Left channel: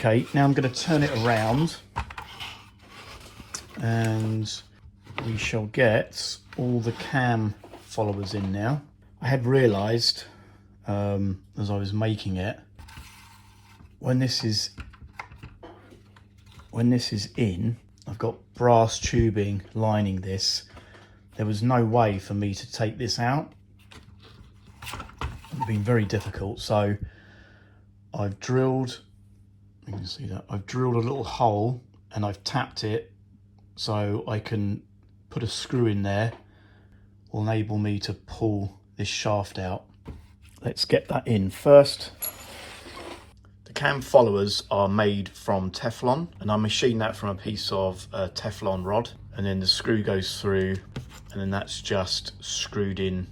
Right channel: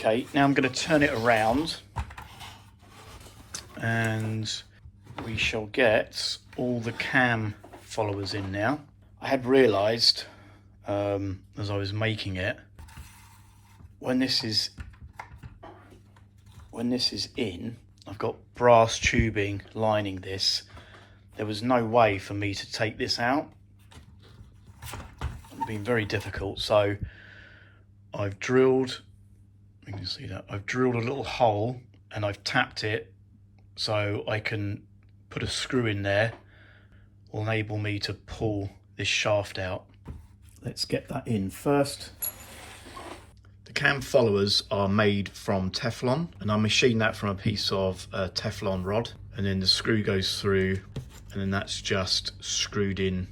Okay, now I'm going to turn it around and we shall get all the cam followers in now. I had realised as I was making it, when this is in, I've got brass tubing lining this. There was no way for me to take this out. It's been very difficult, so I've drilled, you can see that, I've drilled a little hole and I've tapped it so I can put a screw in there, will enable me to pull this shaft out. Let's get that in first. The cam followers are made from Teflon, and I machined that from a piece of Teflon rod, and then the screw goes through, and then that's just screwed in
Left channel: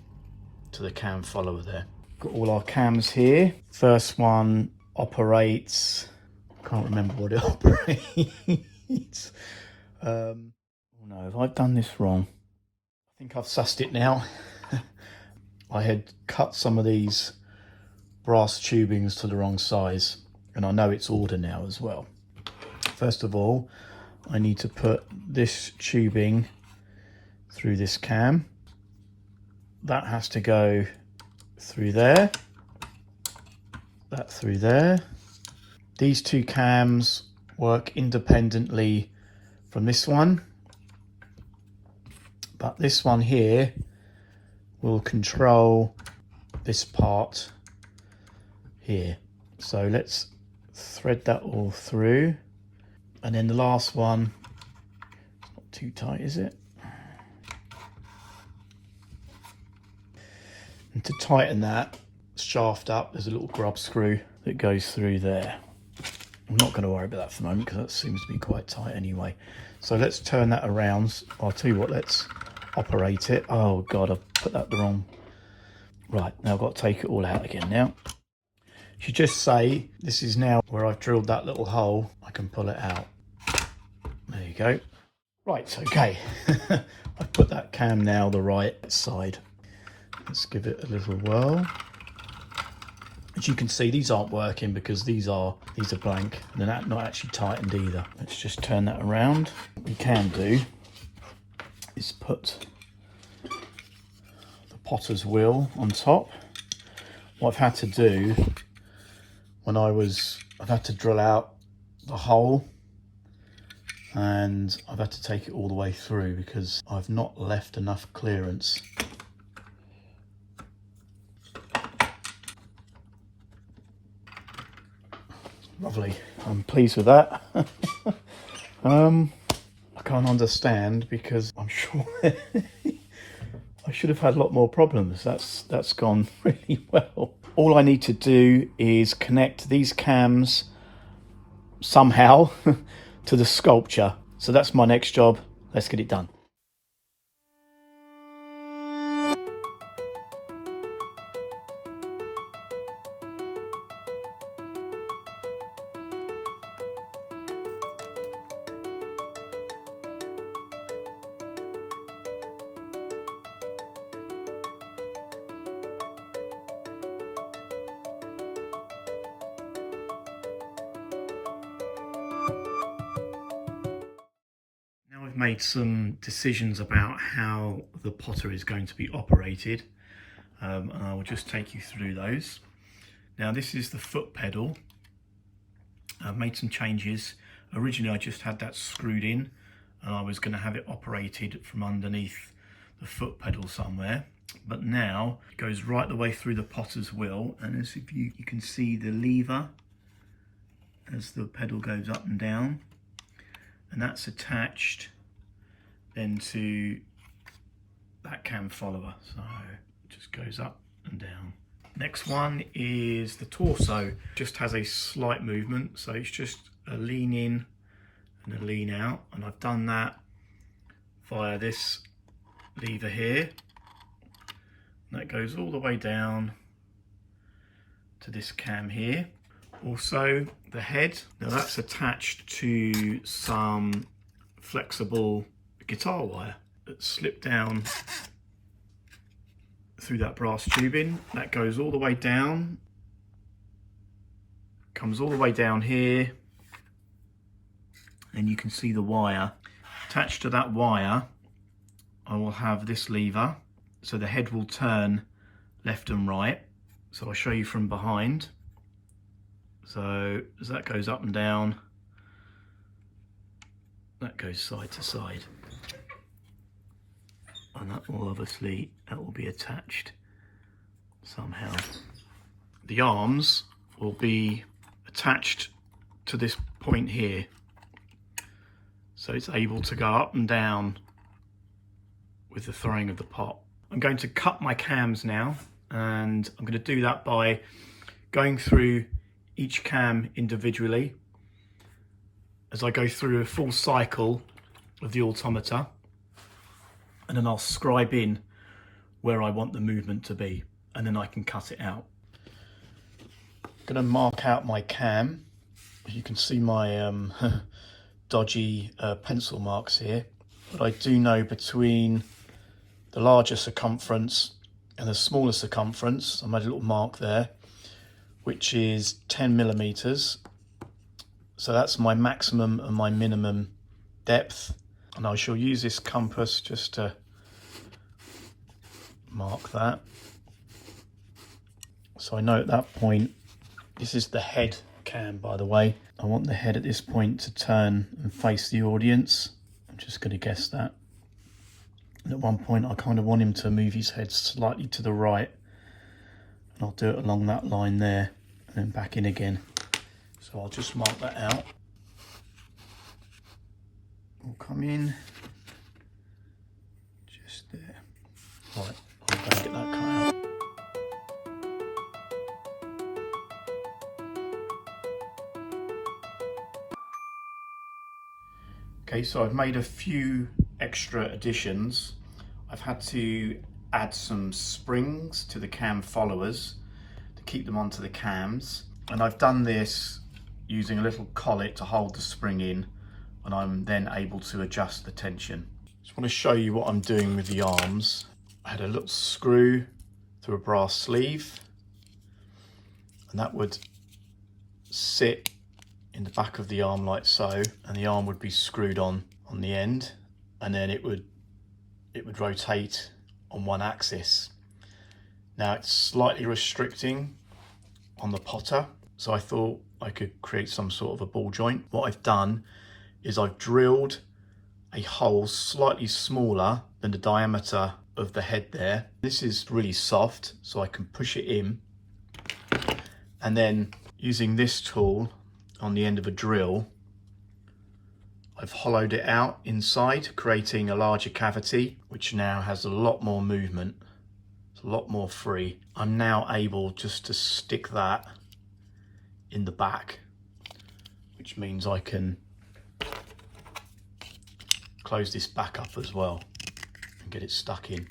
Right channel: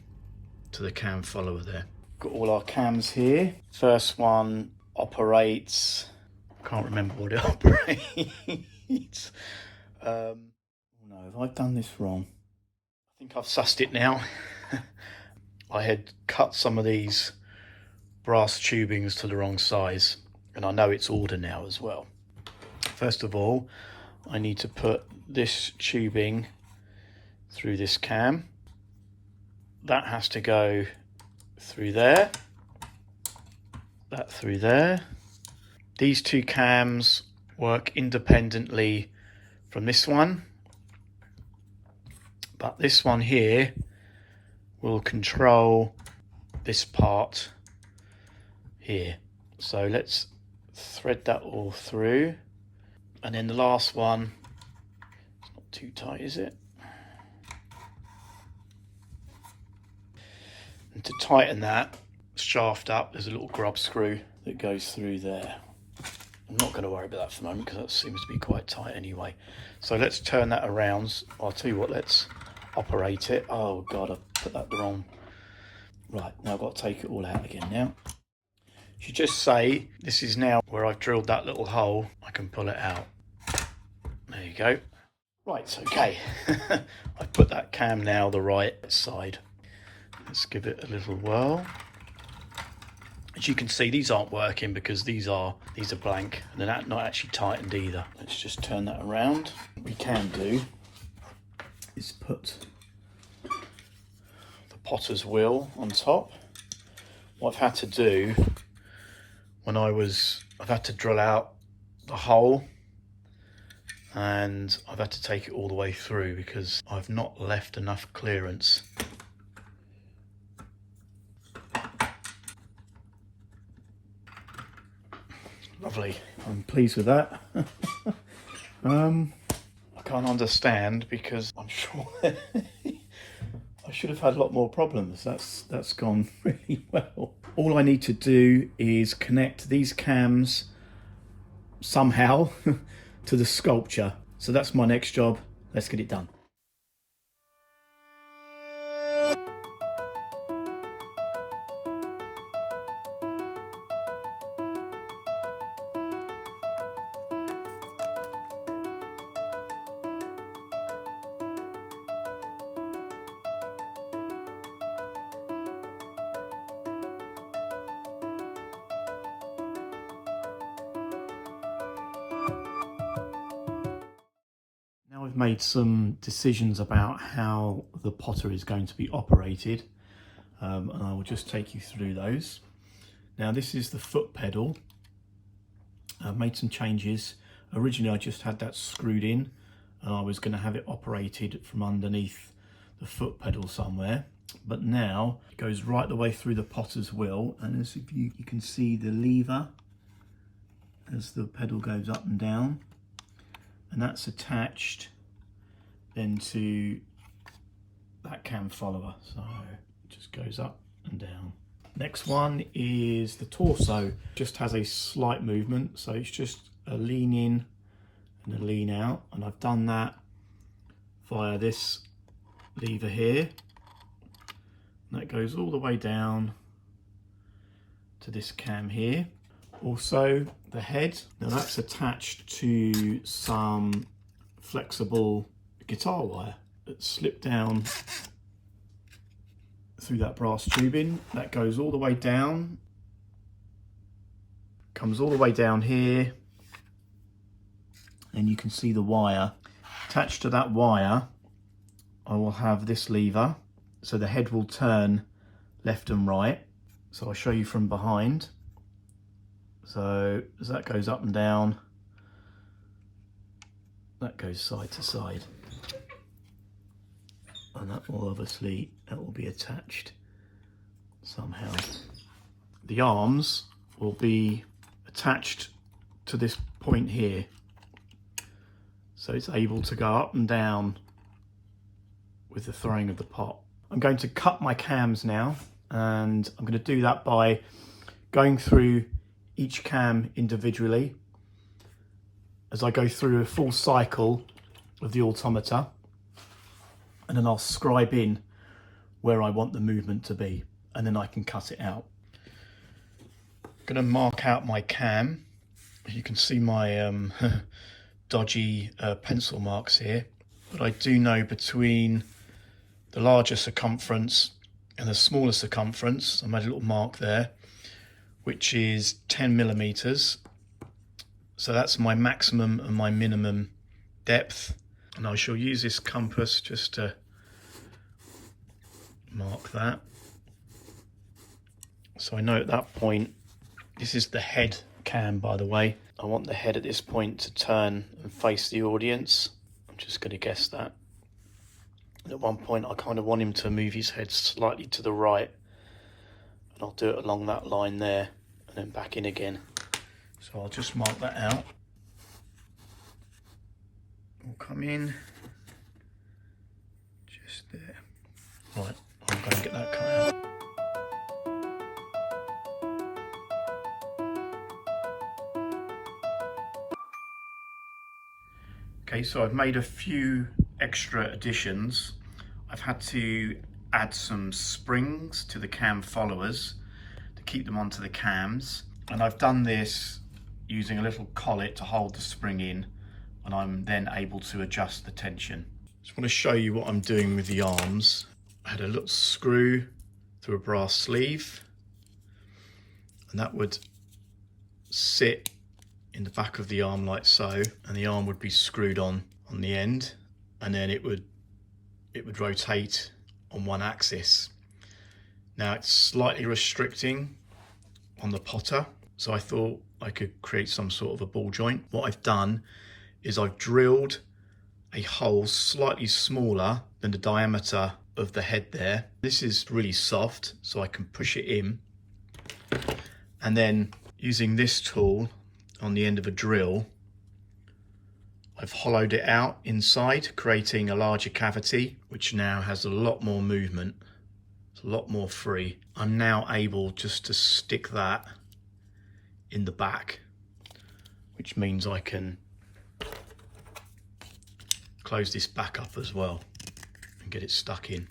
to the cam follower there. Got all our cams here. First one operates, can't remember what it operates. Oh no, have I done this wrong? I think I've sussed it now. I had cut some of these brass tubings to the wrong size, and I know it's order now as well. First of all, I need to put this tubing through this cam. That has to go through there, that through there. These two cams work independently from this one, but this one here will control this part here. So let's thread that all through, and then the last one, it's not too tight, is it? And to tighten that shaft up, there's a little grub screw that goes through there. I'm not going to worry about that for the moment because that seems to be quite tight anyway. So let's turn that around. I'll tell you what, let's operate it. Oh god, I've put that wrong. Right, now I've got to take it all out again now. You just say, this is now where I've drilled that little hole, I can pull it out. There you go. Right, okay. I've put that cam now the right side. Let's give it a little whirl. As you can see, these aren't working because these are blank and they're not actually tightened either. Let's just turn that around. What we can do is put the potter's wheel on top. What I've had to do I've had to drill out the hole, and I've had to take it all the way through because I've not left enough clearance. Lovely, I'm pleased with that. I can't understand because I'm sure I should have had a lot more problems. That's gone really well. All I need to do is connect these cams somehow to the sculpture. So that's my next job. Let's get it done. I've made some decisions about how the potter is going to be operated, and I will just take you through those. Now this is the foot pedal. I've made some changes. Originally I just had that screwed in and I was going to have it operated from underneath the foot pedal somewhere, but now it goes right the way through the potter's wheel, and as if you can see the lever as the pedal goes up and down, and that's attached then to that cam follower, so it just goes up and down. Next one is the torso. Just has a slight movement, so it's just a lean in and a lean out, and I've done that via this lever here, and that goes all the way down to this cam here. Also the head, now that's attached to some flexible guitar wire that slipped down through that brass tubing. That goes all the way down, comes all the way down here, and you can see the wire. Attached to that wire, I will have this lever, so the head will turn left and right. So I'll show you from behind. So as that goes up and down, that goes side to side. And that will obviously, that will be attached somehow. The arms will be attached to this point here. So it's able to go up and down with the throwing of the pot. I'm going to cut my cams now, and I'm going to do that by going through each cam individually as I go through a full cycle of the automata, and then I'll scribe in where I want the movement to be, and then I can cut it out. I'm going to mark out my cam. You can see my dodgy pencil marks here, but I do know between the larger circumference and the smaller circumference, I made a little mark there, which is 10 millimeters. So that's my maximum and my minimum depth. And I shall use this compass just to mark that. So I know at that point, this is the head cam, by the way. I want the head at this point to turn and face the audience. I'm just going to guess that. And at one point, I kind of want him to move his head slightly to the right. And I'll do it along that line there and then back in again. So I'll just mark that out. We'll come in just there. Right, I'm going to get that cut out. Okay, so I've made a few extra additions. I've had to add some springs to the cam followers to keep them onto the cams. And I've done this using a little collet to hold the spring in, and I'm then able to adjust the tension. Just want to show you what I'm doing with the arms. I had a little screw through a brass sleeve, and that would sit in the back of the arm like so, and the arm would be screwed on the end, and then it would rotate on one axis. Now it's slightly restricting on the potter, so I thought I could create some sort of a ball joint. What I've done is I've drilled a hole slightly smaller than the diameter of the head there. This is really soft, so I can push it in, and then using this tool on the end of a drill, I've hollowed it out inside, creating a larger cavity, which now has a lot more movement. It's a lot more free. I'm now able just to stick that in the back, which means I can close this back up as well and get it stuck in.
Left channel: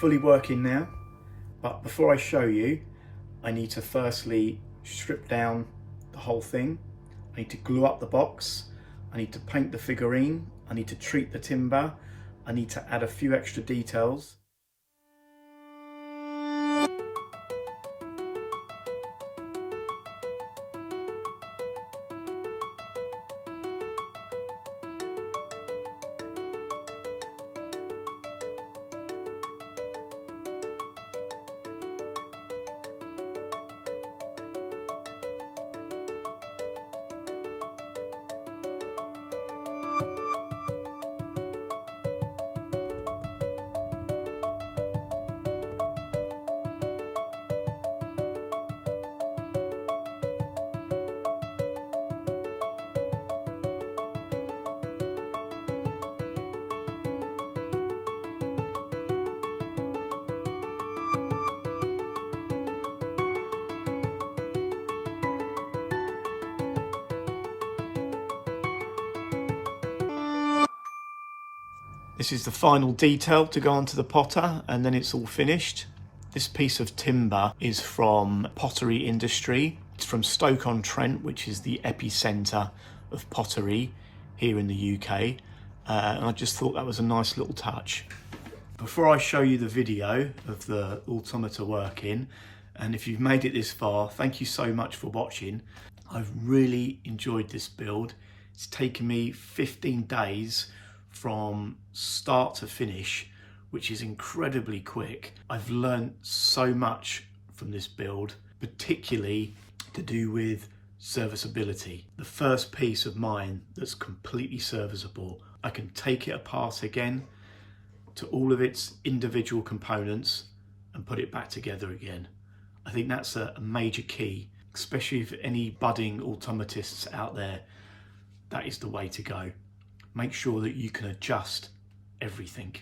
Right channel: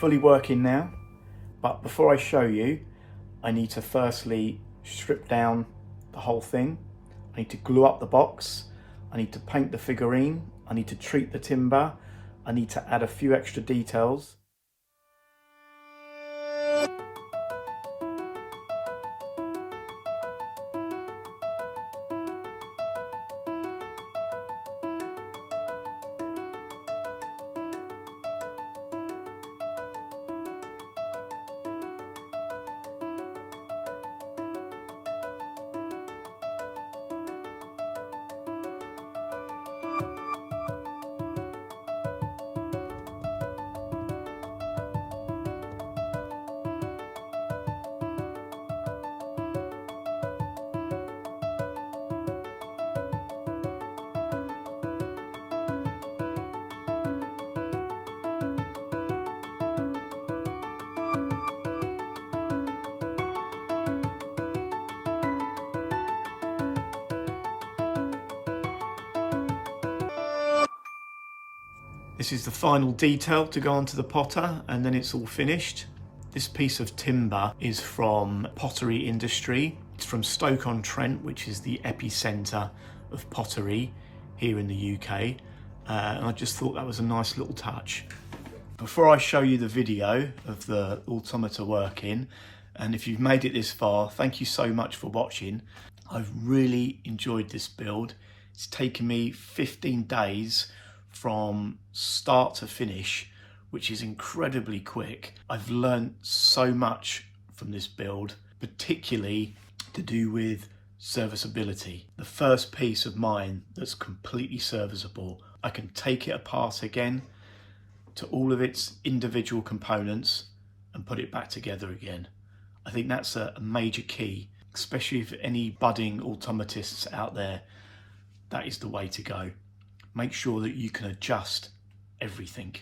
Fully working now, but before I show you, I need to firstly strip down the whole thing. I need to glue up the box, I need to paint the figurine, I need to treat the timber, I need to add a few extra details. This is the final detail to go onto the potter, and then it's all finished. This piece of timber is from pottery industry. It's from Stoke-on-Trent, which is the epicentre of pottery here in the UK. And I just thought that was a nice little touch. Before I show you the video of the automata working, and if you've made it this far, thank you so much for watching. I've really enjoyed this build. It's taken me 15 days from start to finish, which is incredibly quick. I've learned so much from this build, particularly to do with serviceability. The first piece of mine that's completely serviceable. I can take it apart again to all of its individual components and put it back together again. I think that's a major key, especially for any budding automatists out there. That is the way to go. Make sure that you can adjust everything.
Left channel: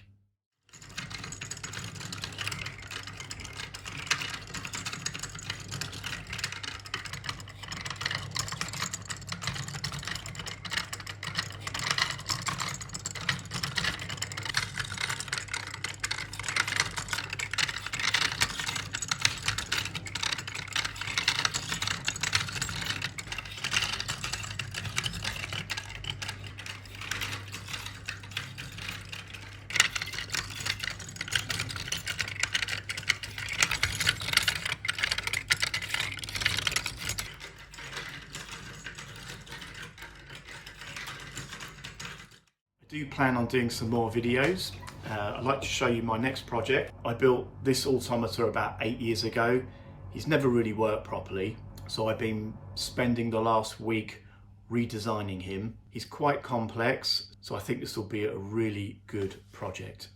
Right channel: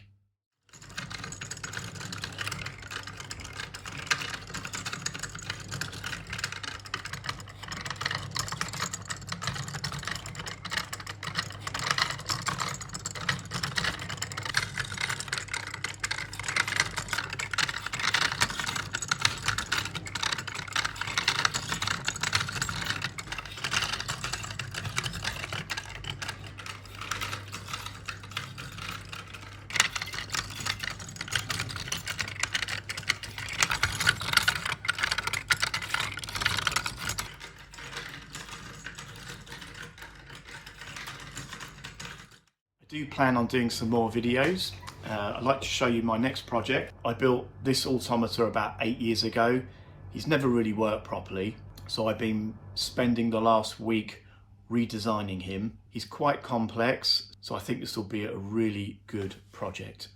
I do plan on doing some more videos. I'd like to show you my next project. I built this automata about 8 years ago. He's never really worked properly, so I've been spending the last week redesigning him. He's quite complex, so I think this will be a really good project.